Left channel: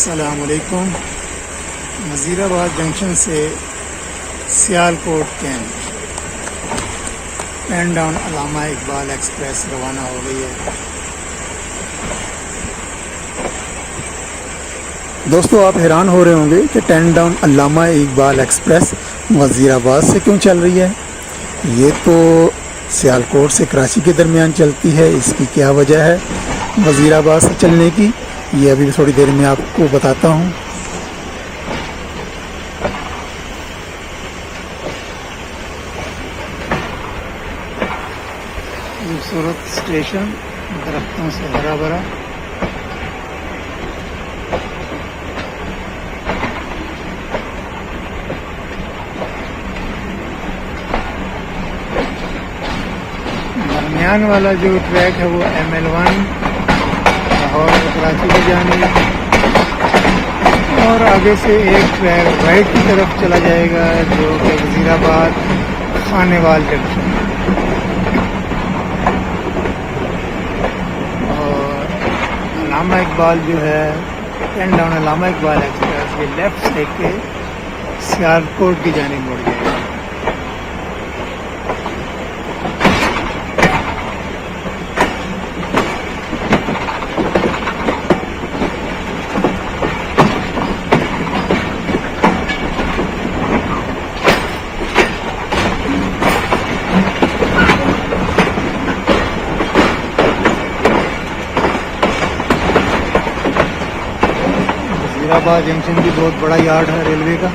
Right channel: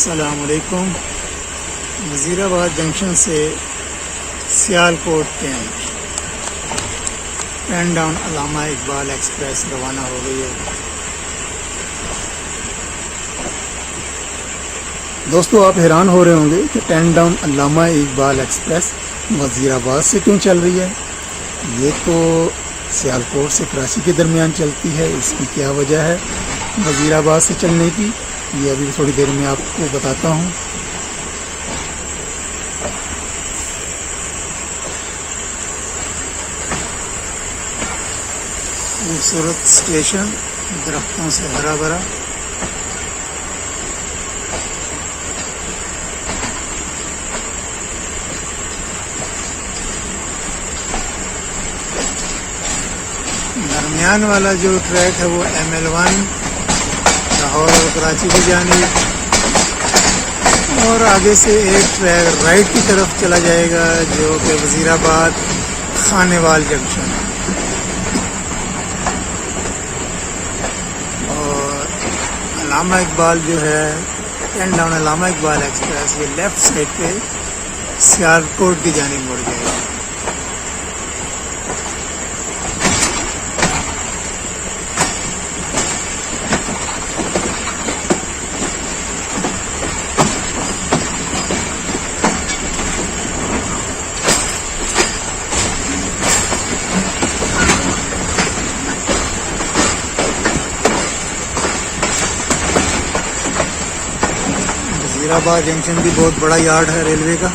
अस्सलामुअलैकुम। वज़ीराबाद जंक्शन से Sialkot cantt pen down अल्लामा Iqbal express रवाना हो गई है। दोस्तों, आप हैरान हो रहे होंगे कि टेन डाउन अल्लामा इकबाल एक्सप्रेस वज़ीराबाद से क्यों चल रही है। ये तो सियालकोट से कराची के दरमियान चलती है। इसकी क्या वजह है वज़ीराबाद से चलने की, ये अभी थोड़ी देर में आपको बताता हूँ। खूबसूरत स्टेशन, दरख्तों से हरा भरा। दरमियान वाला जो ट्रैक है वो ML1 लाहौर और कराची की जानिब, और आगे से एक ट्रैक राइट की तरफ चला जाएगा जो कि वज़ीराबाद खानेवाल जंक्शन। और अल्लामा इकबाल जो है टेन डाउन अल्लामा इकबाल एक्सप्रेस ये लेफ़्ट साइड पे सियालकोट की जानिब मुड़ जाएगा। वज़ीराबाद जंक्शन भी बहुत बड़ा यार्ड है रेलवे का।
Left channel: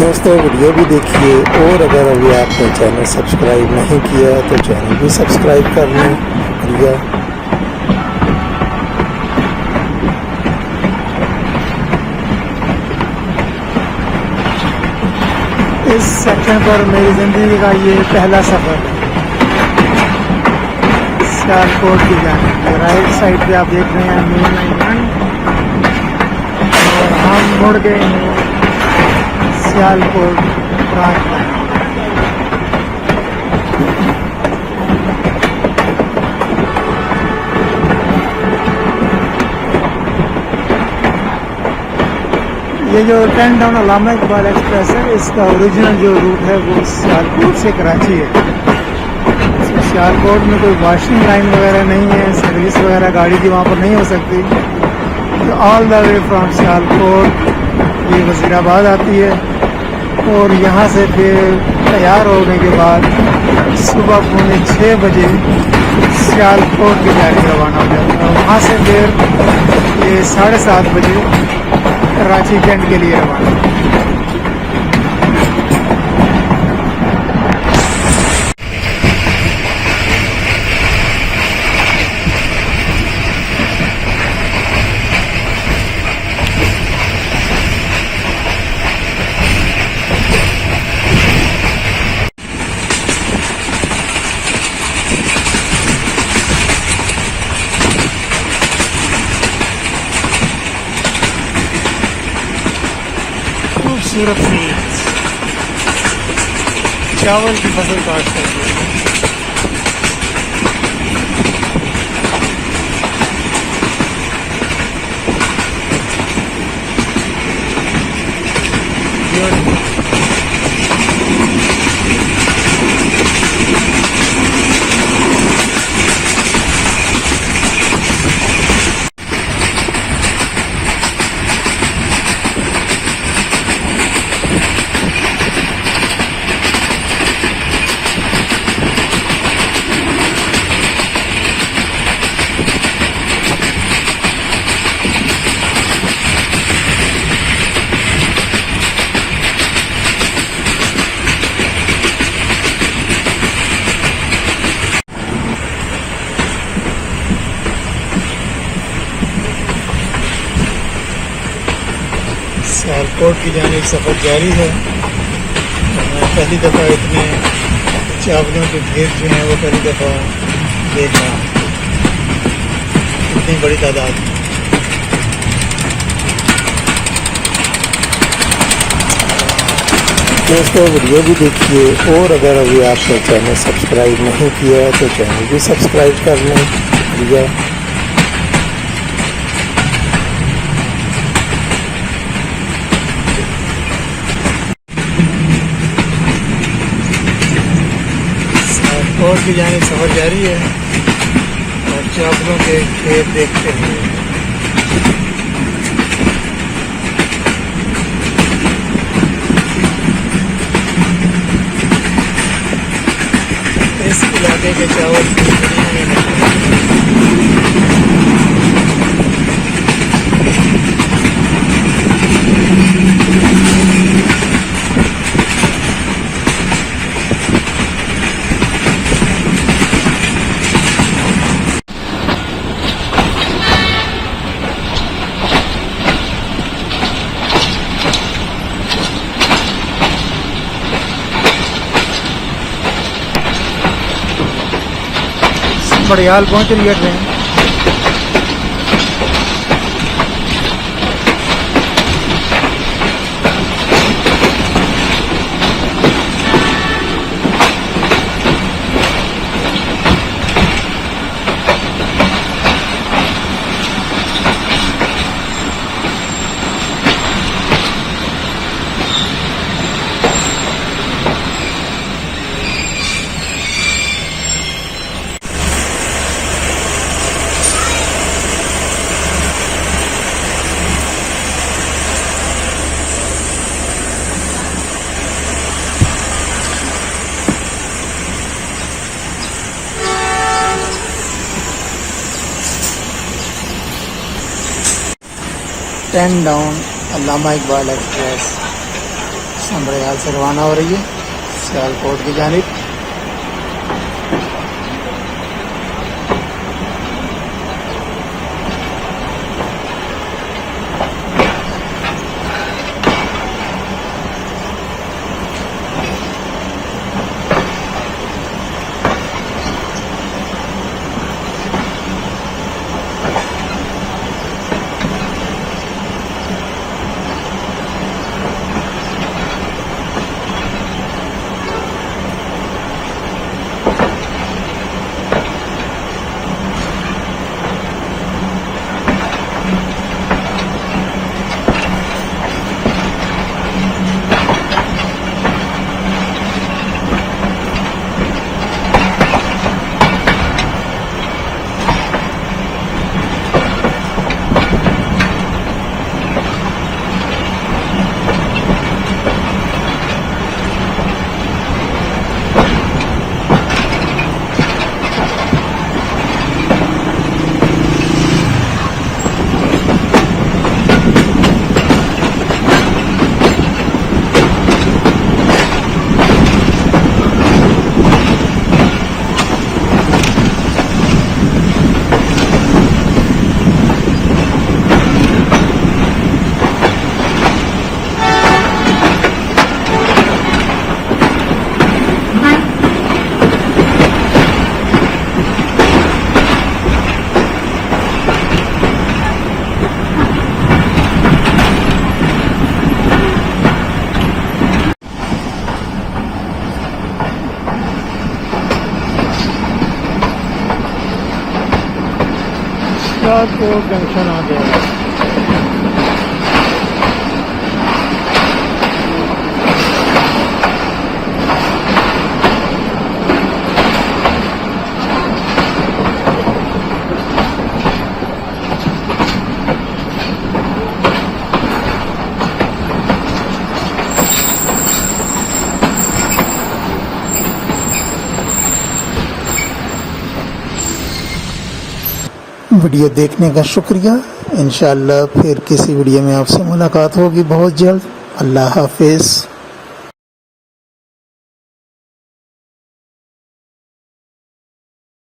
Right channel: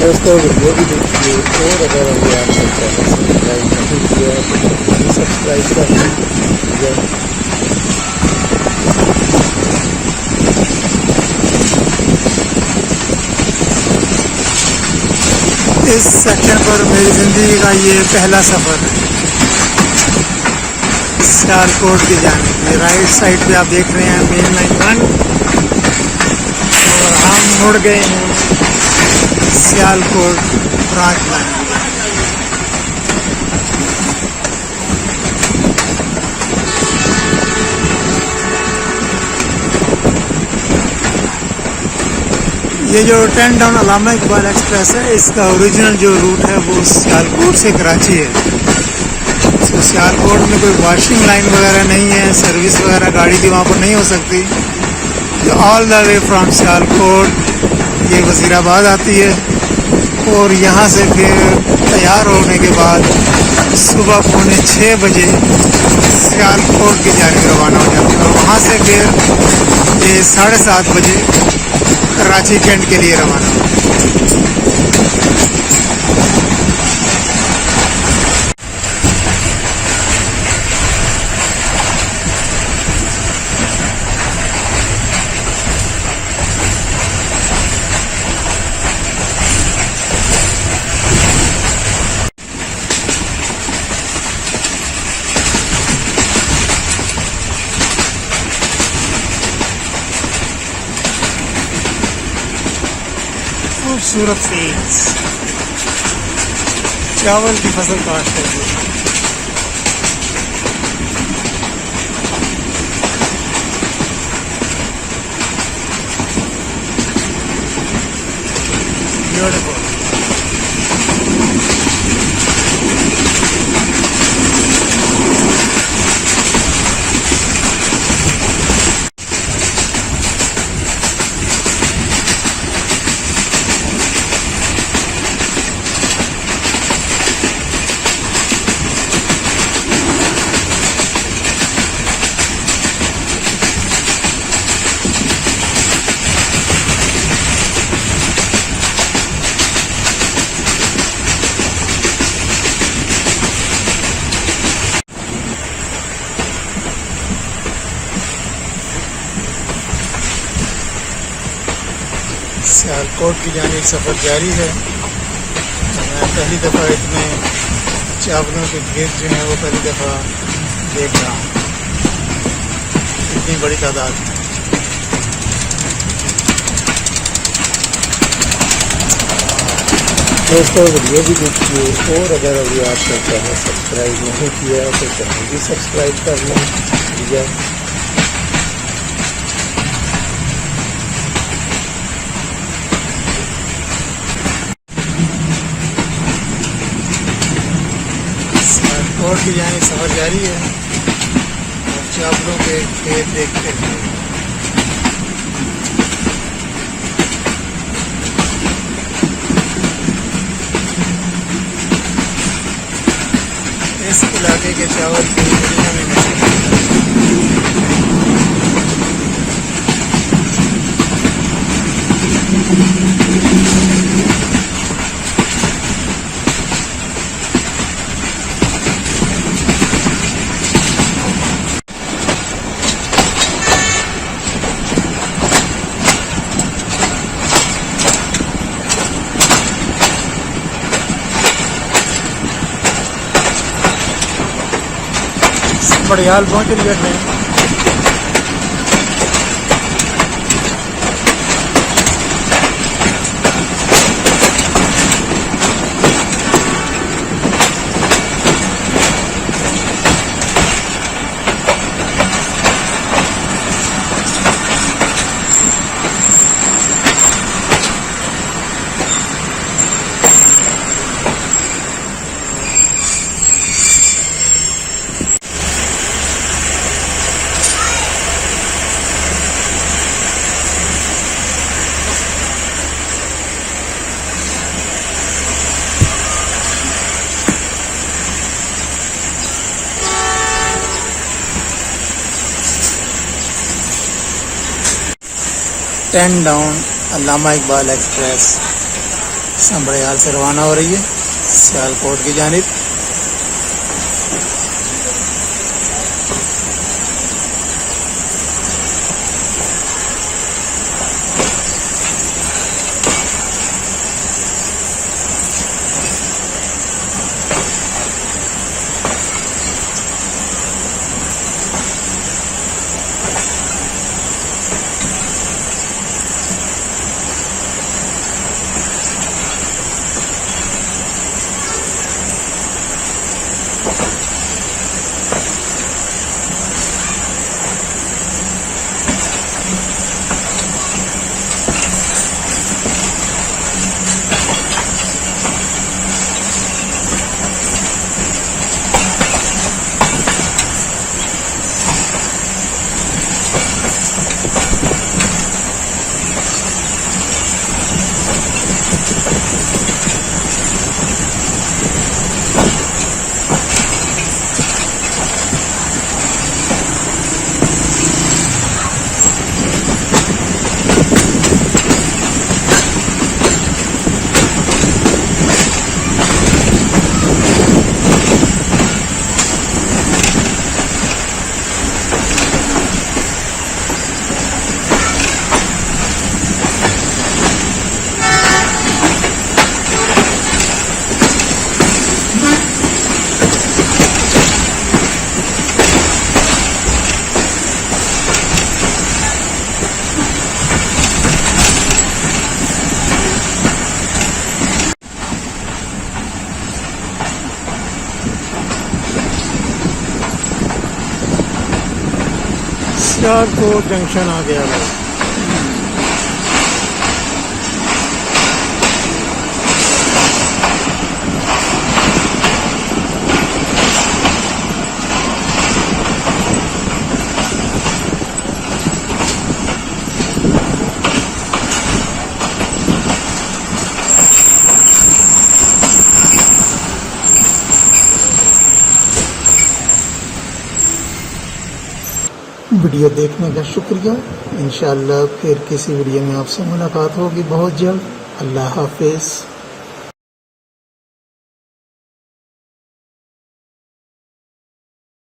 दोस्तों, वीडियो भी देखिए, और अगर अभी आपने चैनल सब्सक्राइब नहीं किया तो चैनल भी सब्सक्राइब कर लें। इस सफ़र पर मेरी ज़िंदगी का ये पहला सफ़र सियालकोट की जानिब। राइट साइड पे आप देख रहे हैं मेन लाइन 1, और हम मुड़ गए हैं सियालकोट रात में। ये जो टेन डाउन अल्लामा इकबाल एक्सप्रेस है, इसका ओरिजिनल जो रूट है वो सियालकोट से कराची है। तो सियालकोट में कोई वॉशिंग लाइन वगैरह नहीं है, सर्विस वगैरह गाड़ी की वहाँ पर नहीं हो सकती। तो all the way from Sialkot ये वज़ीराबाद आती है, और यहाँ से फिर तैयार होने के बाद सुबह 6:45 बजे सियालकोट की जाके रवाना हुआ। और वहाँ से फिर ये 7:30 बजे कराची कैंट के लिए रवाना। खूबसूरत फील्ड्स, चावल की फसल काट करके। ब्यूटीफुल। सियालकोट की जानिब सफ़र जारी है। मैं पहली दफ़ा इतने चावलों की भीड़ जो हैं वो पहली दफ़ा देख रहा हूँ, इतनी बड़ी तादाद में। दोस्तों वीडियो भी देखिए, और अगर अभी आपने चैनल सब्सक्राइब नहीं किया है तो चैनल भी सब्सक्राइब कर लें। ठीक है, सियालकोट की जानिब सफ़र जारी है और चावलों के खेत देखते हुए। इस इलाके के चावल पूरी दुनिया में मशहूर हैं। बड़ियाल पहुँच रही है ट्रेन। टेन डाउन अल्लामा इकबाल एक्सप्रेस संबड़ियाल से रवाना हो रही है सियालकोट की जानिब। सियालकोट जंक्शन आ गया है। वीडियो देखने का शुक्रिया। इंशाअल्लाह फिर किसी वीडियो में आपसे मुलाकात होगी बहुत जल्द। अल्लाह हाफिज़।